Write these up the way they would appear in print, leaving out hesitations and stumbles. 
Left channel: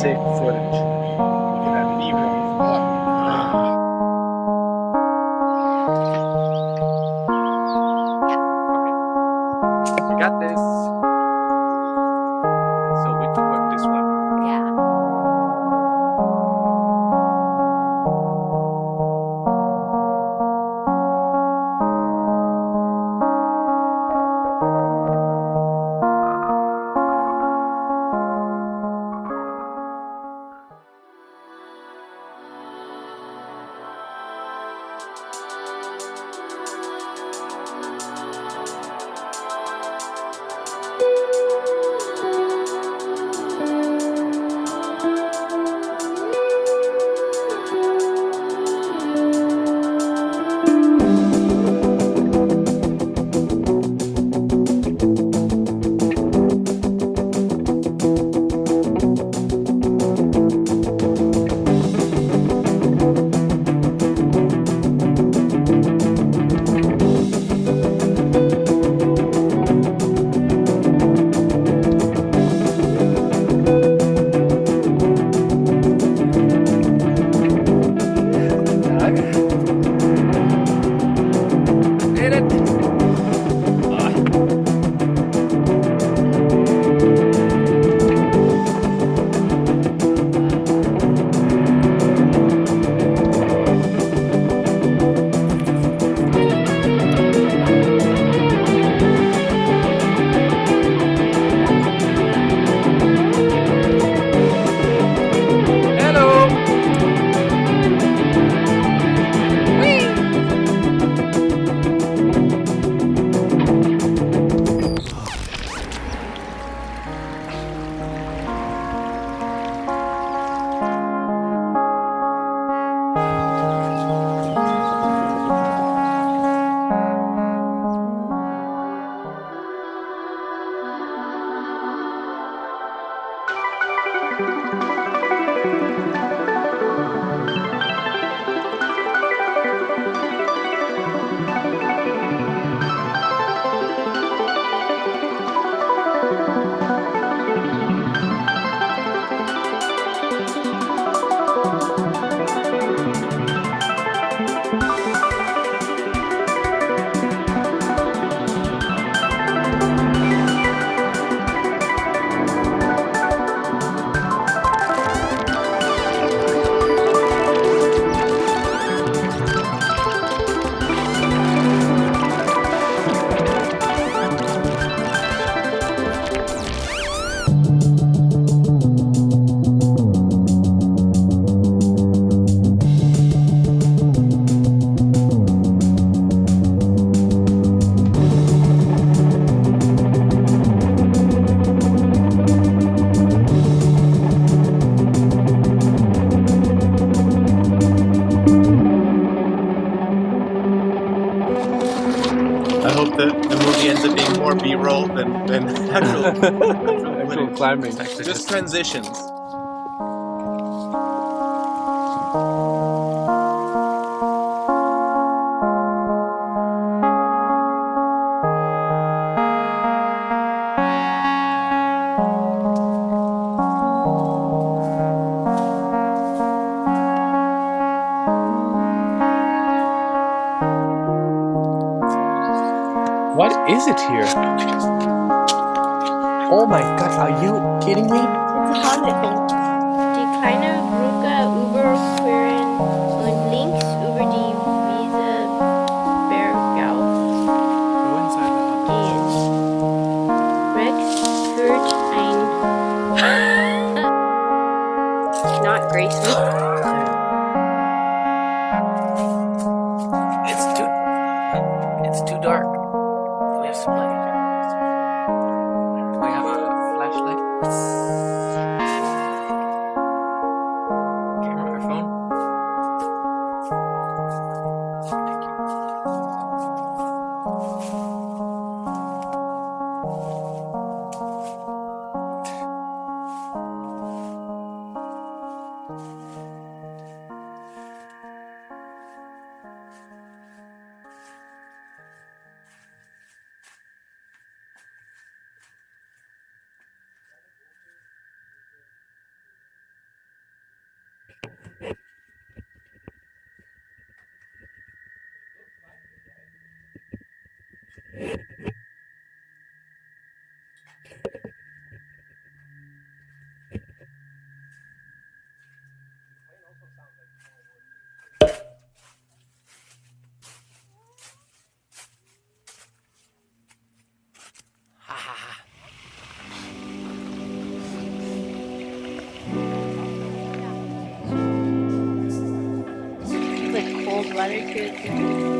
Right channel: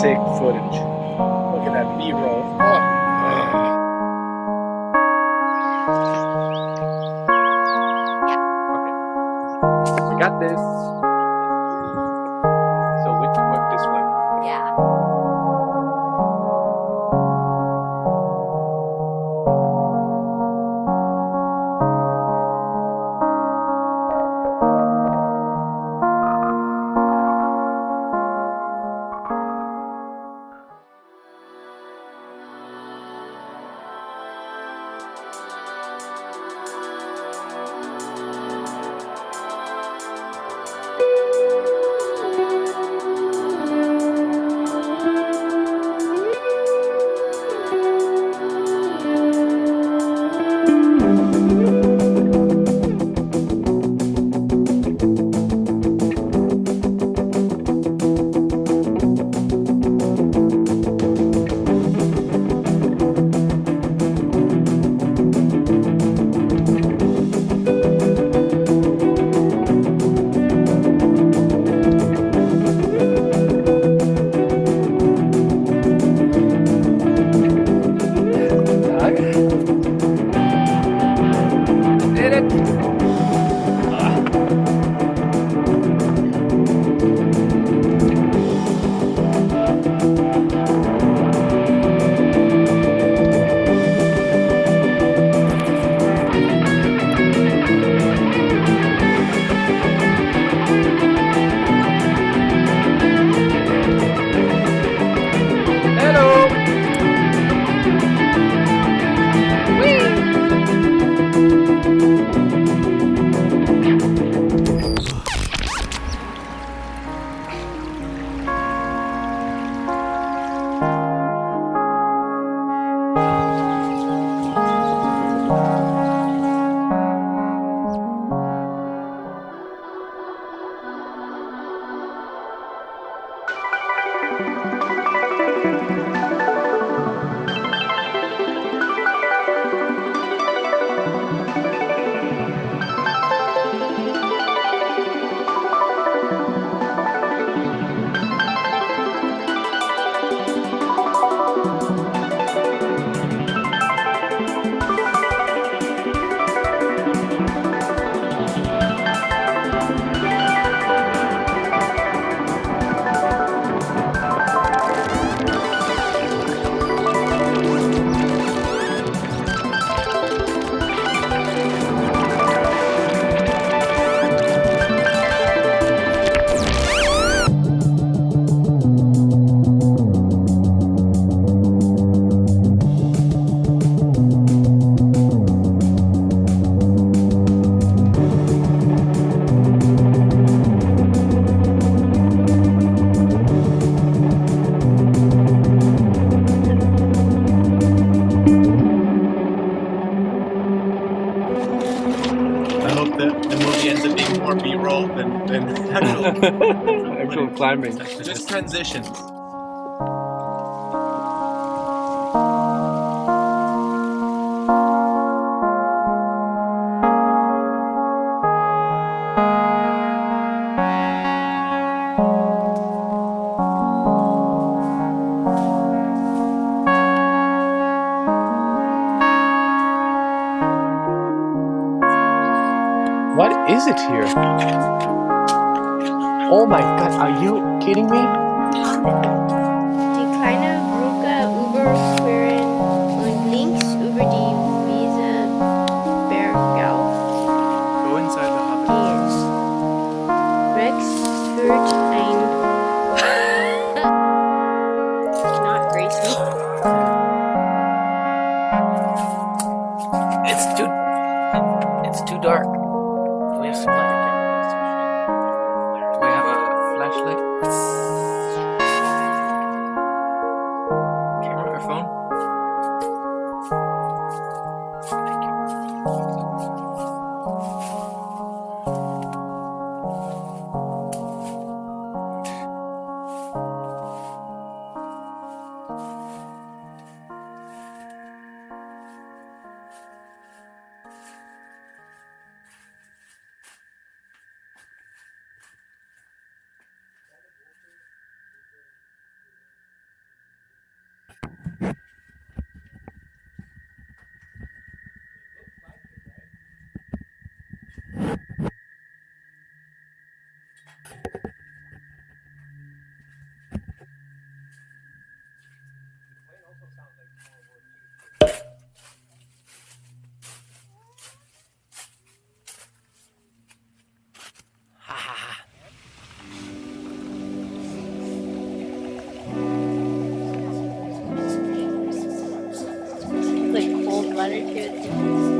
sick footage. Look at that B-roll. Okay. I got this. So which one? This one. Yeah. I hope the movie ends up being more B-roll than Actual climbing. just transitions. What is it here? Oh my god, are you kidding me? Die kleine Brücke überqueren und links über die Wiese bergauf gehen. Rex führt ein not graceful. It's too dark. Do we have some light? Do we have a flashlight? Camera or phone? Thank you. water cookies.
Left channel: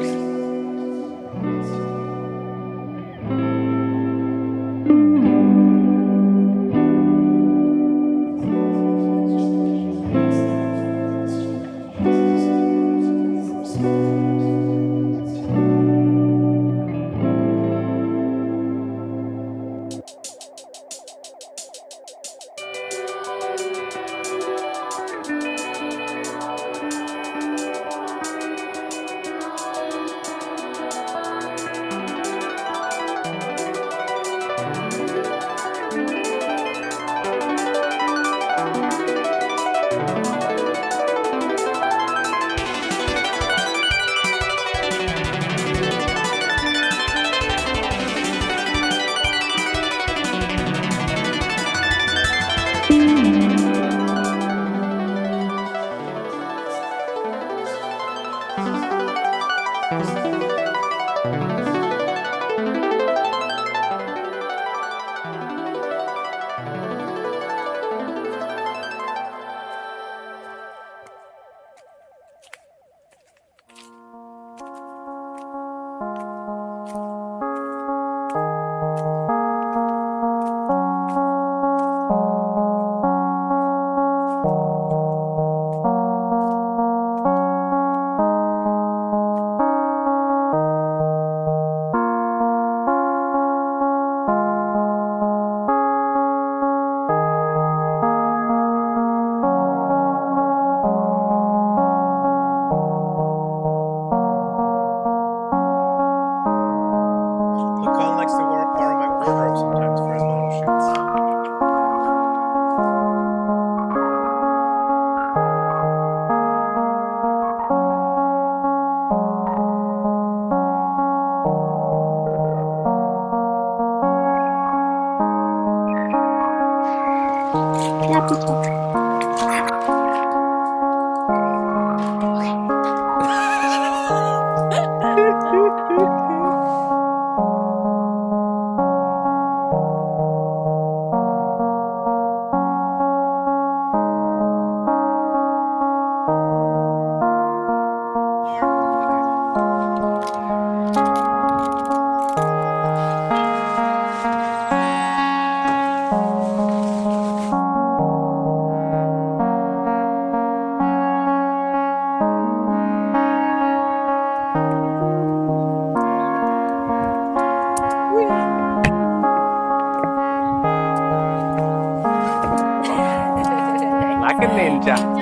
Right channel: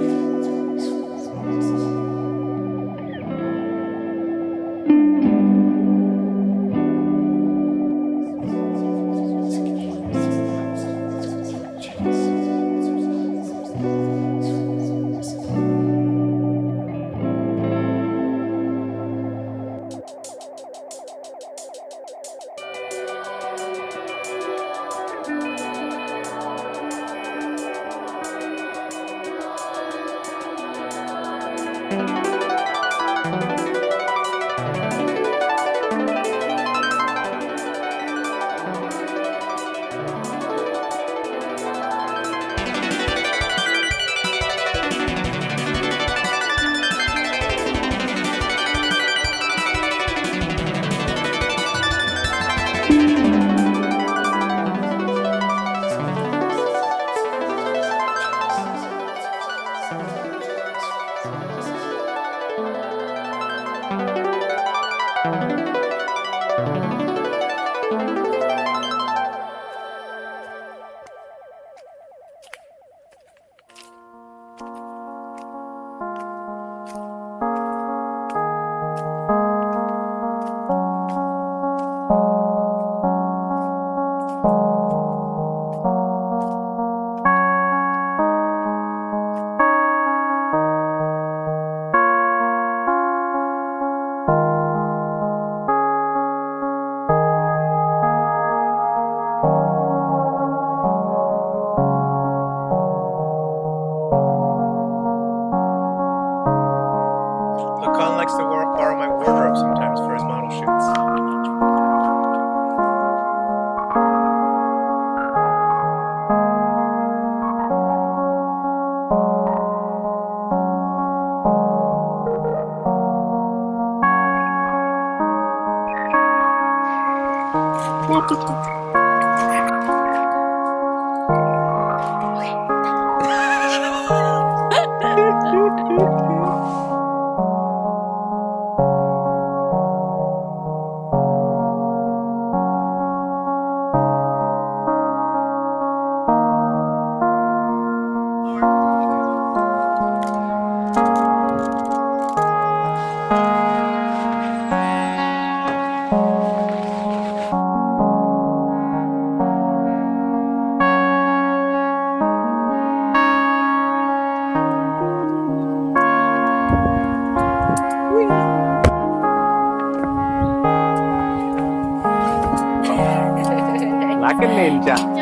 Look, Colin likes to borrow my wardrobe sometimes for his model shoots. Yeah, Peter. Like a ninja.